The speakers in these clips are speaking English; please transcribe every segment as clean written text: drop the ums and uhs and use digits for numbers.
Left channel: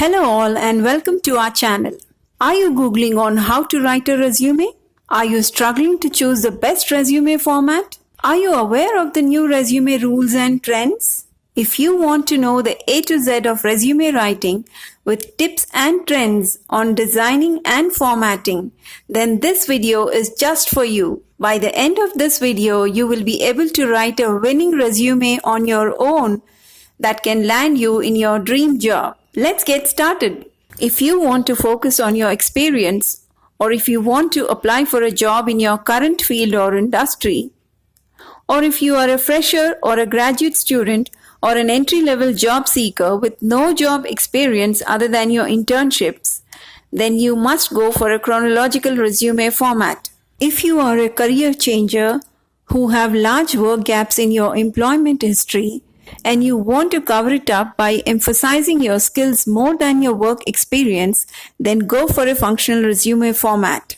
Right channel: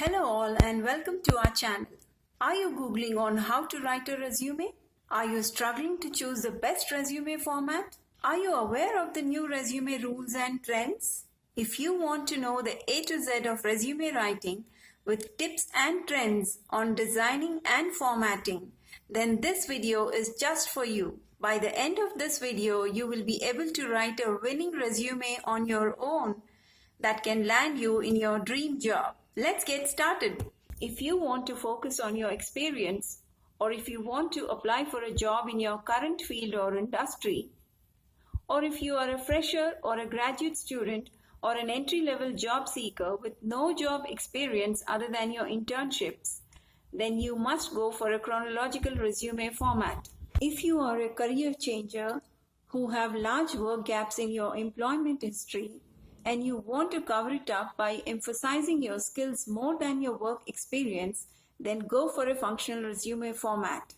Hello all and welcome to our channel. Are you Googling on how to write a resume? Are you struggling to choose the best resume format? Are you aware of the new resume rules and trends? If you want to know the A to Z of resume writing with tips and trends on designing and formatting, then this video is just for you. By the end of this video, you will be able to write a winning resume on your own that can land you in your dream job. Let's get started. If you want to focus on your experience, or if you want to apply for a job in your current field or industry, or if you are a fresher or a graduate student or an entry-level job seeker with no job experience other than your internships, then you must go for a chronological resume format. If you are a career changer who have large work gaps in your employment history, and you want to cover it up by emphasizing your skills more than your work experience, then go for a functional resume format.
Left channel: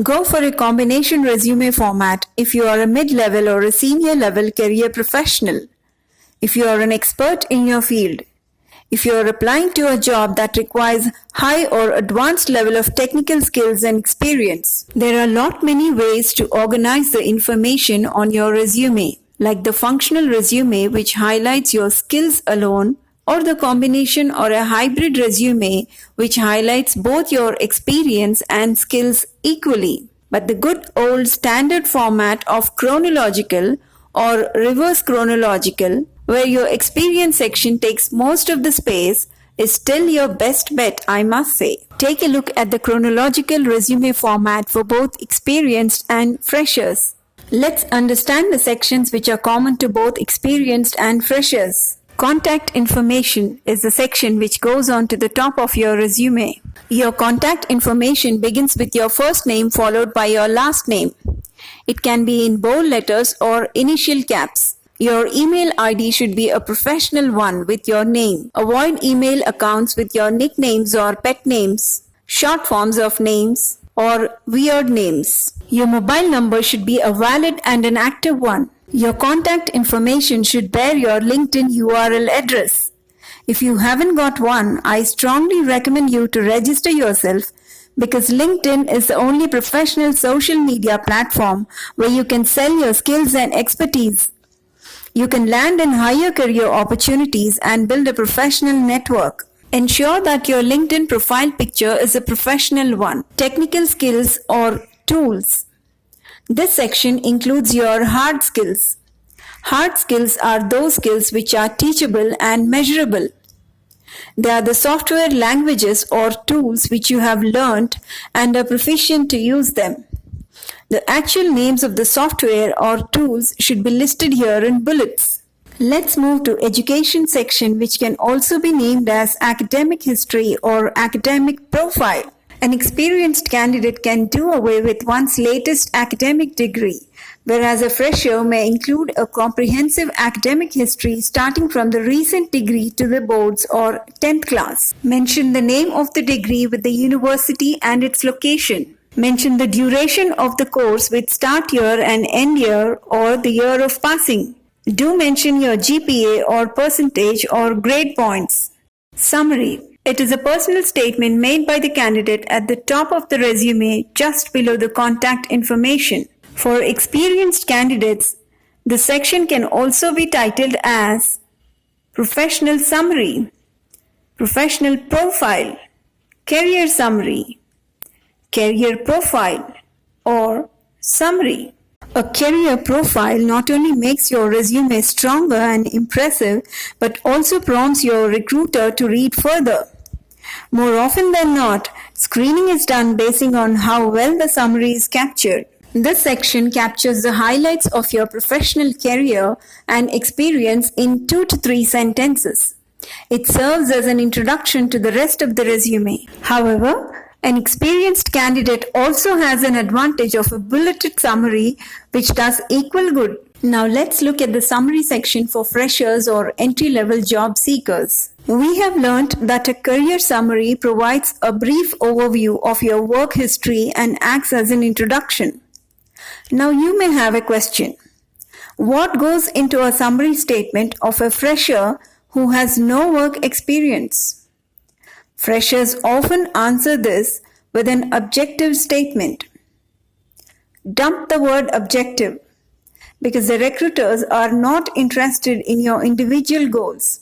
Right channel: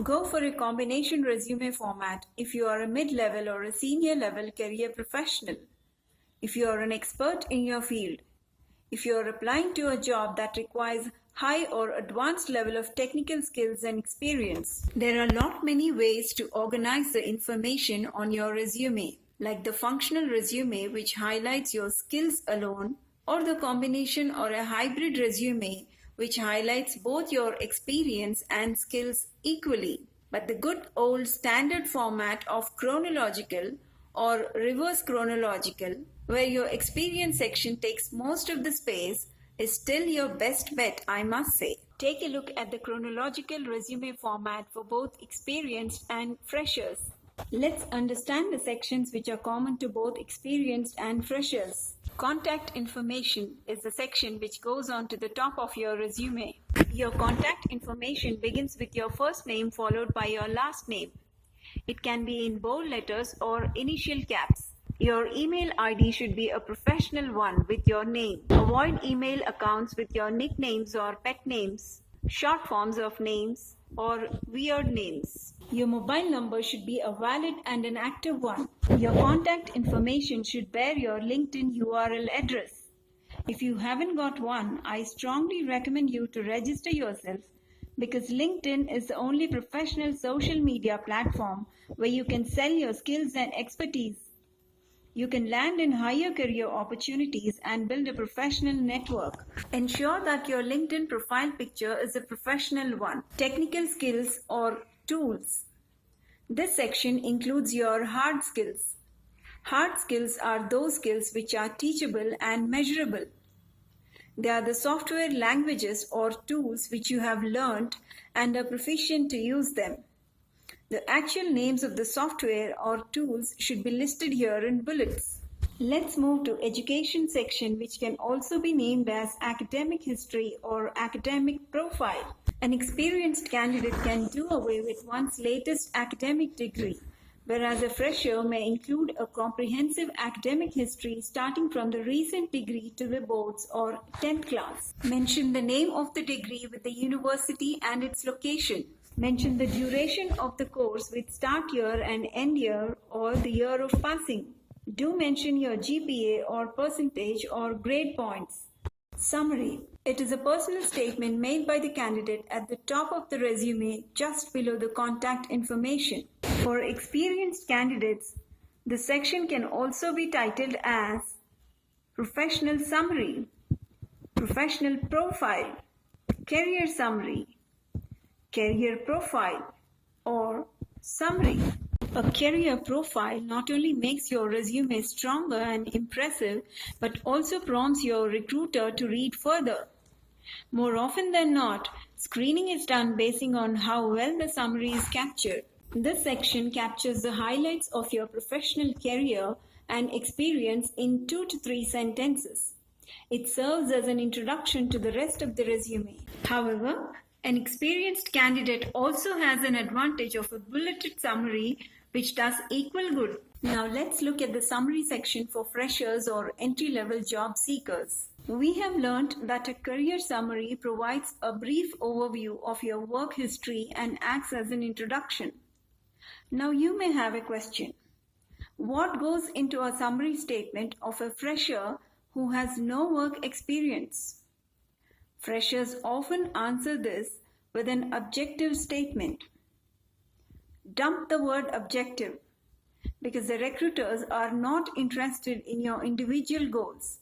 Go for a combination resume format if you are a mid-level or a senior level career professional. If you are an expert in your field. If you are applying to a job that requires high or advanced level of technical skills and experience. There are many ways to organize the information on your resume, like the functional resume which highlights your skills alone, or the combination or a hybrid resume which highlights both your experience and skills equally. But the good old standard format of chronological or reverse chronological, where your experience section takes most of the space, is still your best bet, I must say. Take a look at the chronological resume format for both experienced and freshers. Let's understand the sections which are common to both experienced and freshers. Contact information is the section which goes on to the top of your resume. Your contact information begins with your first name followed by your last name. It can be in bold letters or initial caps. Your email ID should be a professional one with your name. Avoid email accounts with your nicknames or pet names, short forms of names, or weird names. Your mobile number should be a valid and an active one. Your contact information should bear your LinkedIn URL address. If you haven't got one, I strongly recommend you to register yourself, because LinkedIn is the only professional social media platform where you can sell your skills and expertise. You can land in higher career opportunities and build a professional network. Ensure that your LinkedIn profile picture is a professional one. Technical skills or tools. This section includes your hard skills. Hard skills are those skills which are teachable and measurable. They are the software languages or tools which you have learned and are proficient to use them. The actual names of the software or tools should be listed here in bullets. Let's move to education section, which can also be named as academic history or academic profile. An experienced candidate can do away with one's latest academic degree, whereas a fresher may include a comprehensive academic history starting from the recent degree to the boards or 10th class. Mention the name of the degree with the university and its location. Mention the duration of the course with start year and end year or the year of passing. Do mention your GPA or percentage or grade points. Summary. It is a personal statement made by the candidate at the top of the resume just below the contact information. For experienced candidates, the section can also be titled as Professional Summary, Professional Profile, Career Summary, Career Profile, or Summary. A career profile not only makes your resume stronger and impressive, but also prompts your recruiter to read further. More often than not, screening is done basing on how well the summary is captured. This section captures the highlights of your professional career and experience in 2 to 3 sentences. It serves as an introduction to the rest of the resume. However, an experienced candidate also has an advantage of a bulleted summary which does equal good. Now let's look at the summary section for freshers or entry-level job seekers. We have learned that a career summary provides a brief overview of your work history and acts as an introduction. Now you may have a question. What goes into a summary statement of a fresher who has no work experience? Freshers often answer this with an objective statement. Dump the word objective because the recruiters are not interested in your individual goals.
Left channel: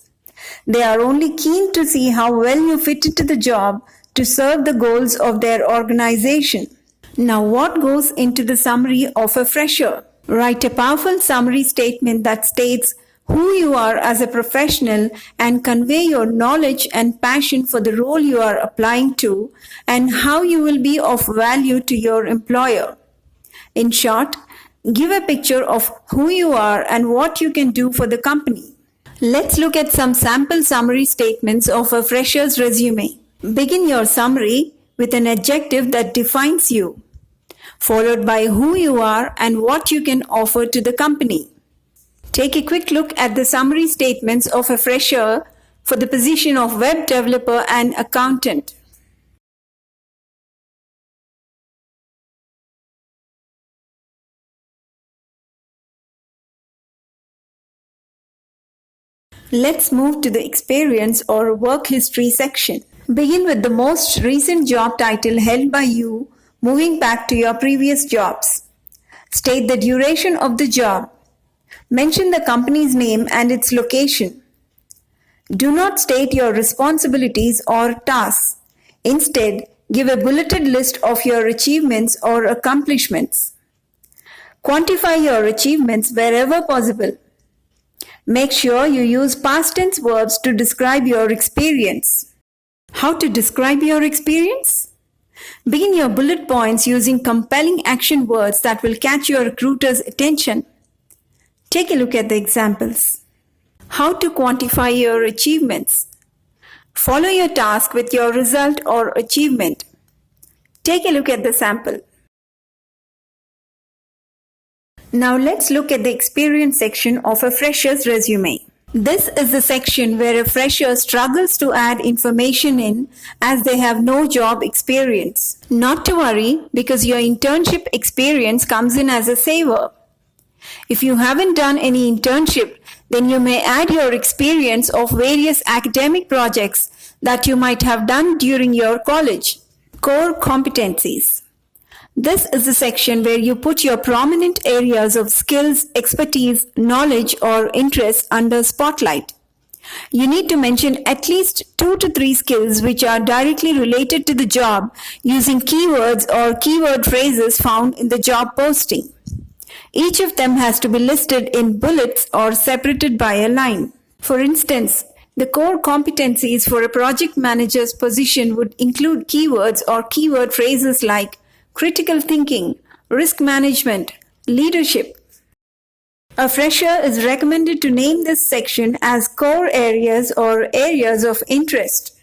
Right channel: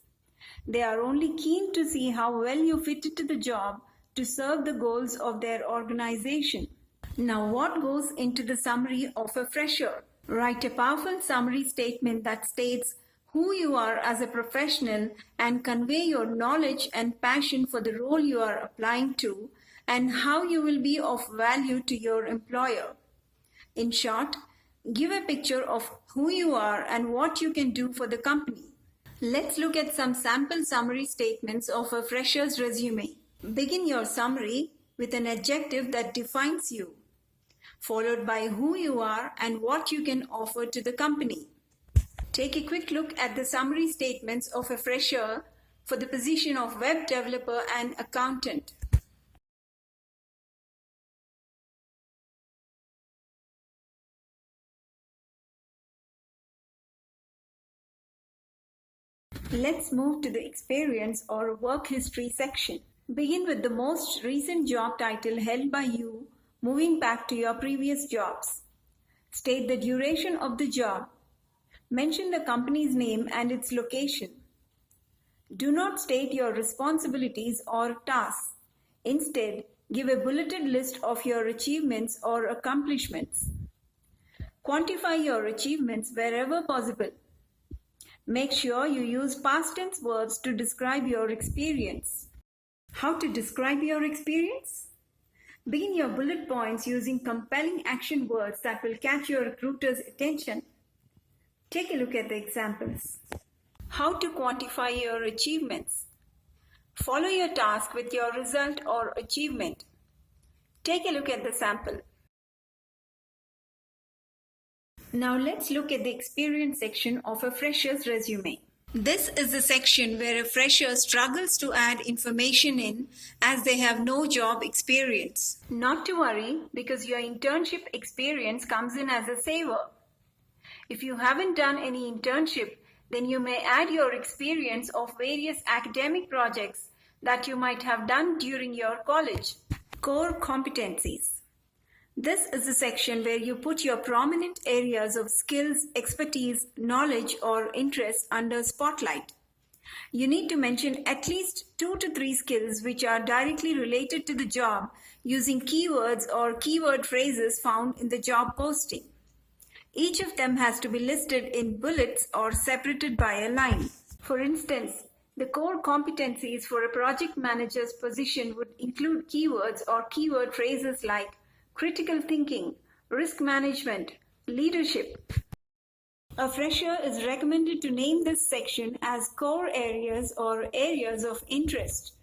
They are only keen to see how well you fit into the job to serve the goals of their organization. Now, what goes into the summary of a fresher? Write a powerful summary statement that states who you are as a professional and convey your knowledge and passion for the role you are applying to and how you will be of value to your employer. In short, give a picture of who you are and what you can do for the company. Let's look at some sample summary statements of a fresher's resume. Begin your summary with an adjective that defines you, followed by who you are and what you can offer to the company. Take a quick look at the summary statements of a fresher for the position of web developer and accountant. Let's move to the experience or work history section. Begin with the most recent job title held by you, moving back to your previous jobs. State the duration of the job. Mention the company's name and its location. Do not state your responsibilities or tasks. Instead, give a bulleted list of your achievements or accomplishments. Quantify your achievements wherever possible. Make sure you use past tense verbs to describe your experience. How to describe your experience? Begin your bullet points using compelling action words that will catch your recruiter's attention. Take a look at the examples. How to quantify your achievements? Follow your task with your result or achievement. Take a look at the sample. Now let's look at the experience section of a fresher's resume. This is the section where a fresher struggles to add information in as they have no job experience. Not to worry, because your internship experience comes in as a saver. If you haven't done any internship, then you may add your experience of various academic projects that you might have done during your college. Core competencies. This is the section where you put your prominent areas of skills, expertise, knowledge, or interest under spotlight. You need to mention at least 2 to 3 skills which are directly related to the job using keywords or keyword phrases found in the job posting. Each of them has to be listed in bullets or separated by a line. For instance, the core competencies for a project manager's position would include keywords or keyword phrases like critical thinking, risk management, leadership. A fresher is recommended to name this section as core areas or areas of interest.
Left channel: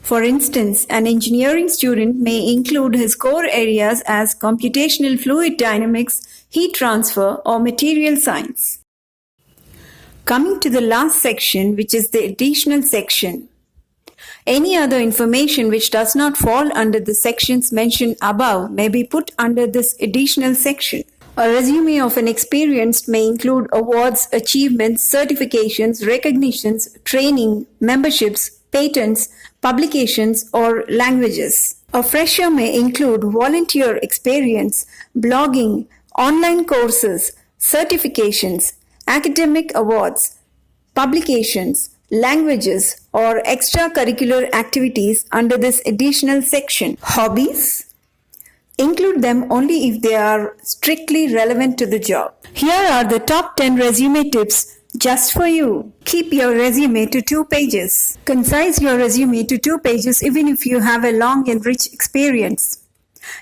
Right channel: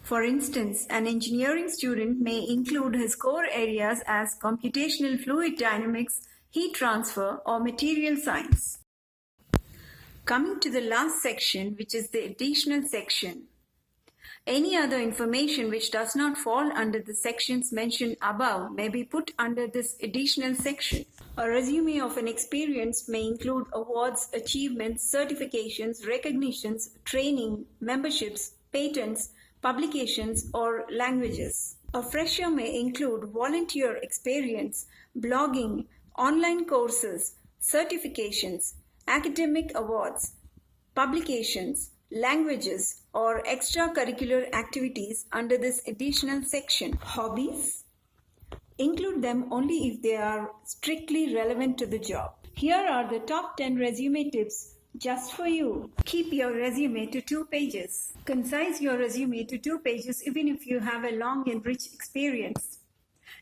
For instance, an engineering student may include his core areas as computational fluid dynamics, heat transfer, or material science. Coming to the last section, which is the additional section. Any other information which does not fall under the sections mentioned above may be put under this additional section. A resume of an experienced may include awards, achievements, certifications, recognitions, training, memberships, patents, publications, or languages. A fresher may include volunteer experience, blogging, online courses, certifications, academic awards, publications, languages, or extracurricular activities under this additional section. Hobbies? Include them only if they are strictly relevant to the job. Here are the top 10 resume tips just for you. Keep your resume to 2 pages. Concise your resume to 2 pages even if you have a long and rich experience.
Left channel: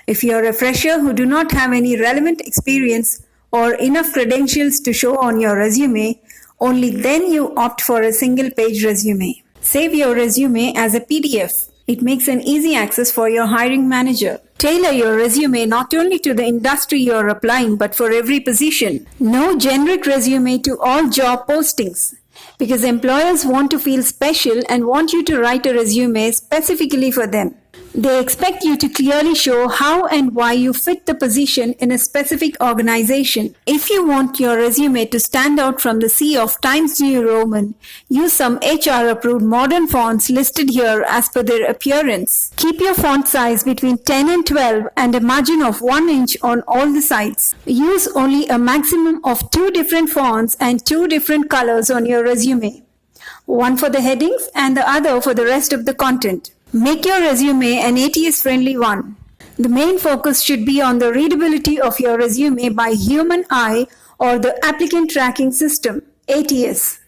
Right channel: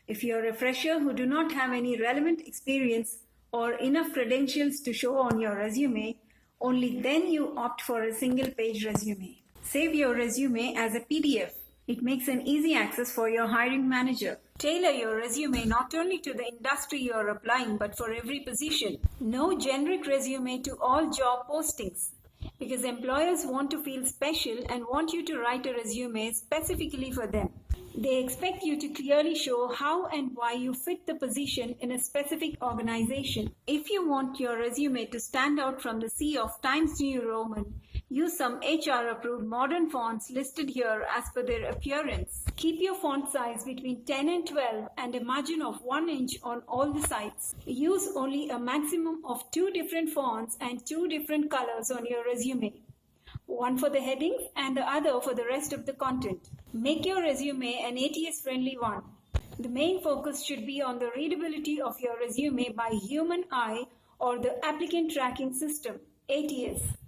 If you are a fresher who do not have any relevant experience or enough credentials to show on your resume, only then you opt for a single-page resume. Save your resume as a PDF. It makes an easy access for your hiring manager. Tailor your resume not only to the industry you are applying, but for every position. No generic resume to all job postings, because employers want to feel special and want you to write a resume specifically for them. They expect you to clearly show how and why you fit the position in a specific organization. If you want your resume to stand out from the sea of Times New Roman, use some HR-approved modern fonts listed here as per their appearance. Keep your font size between 10 and 12 and a margin of 1 inch on all the sides. Use only a maximum of 2 different fonts and 2 different colors on your resume. One for the headings and the other for the rest of the content. Make your resume an ATS-friendly one. The main focus should be on the readability of your resume by human eye or the applicant tracking system, ATS.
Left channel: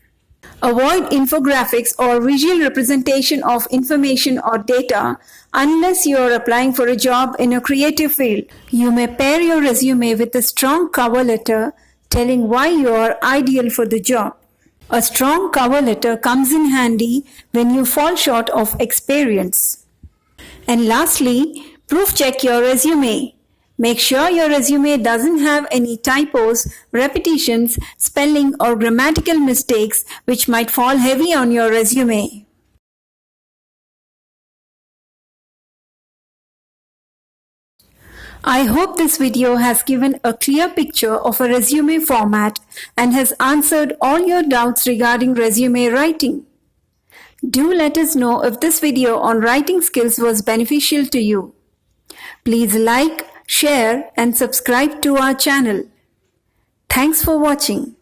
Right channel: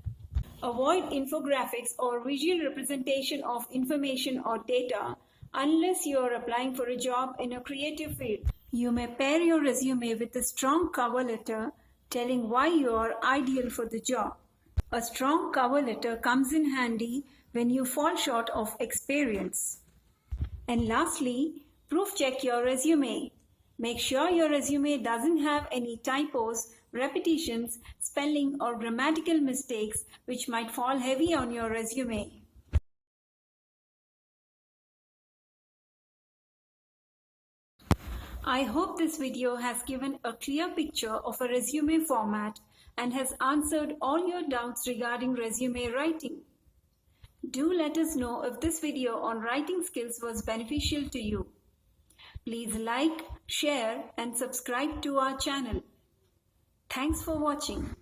Avoid infographics or visual representation of information or data unless you are applying for a job in a creative field. You may pair your resume with a strong cover letter telling why you are ideal for the job. A strong cover letter comes in handy when you fall short of experience. And lastly, proof check your resume. Make sure your resume doesn't have any typos, repetitions, spelling or grammatical mistakes which might fall heavy on your resume. I hope this video has given a clear picture of a resume format and has answered all your doubts regarding resume writing. Do let us know if this video on writing skills was beneficial to you. Please like, share and subscribe to our channel. Thanks for watching.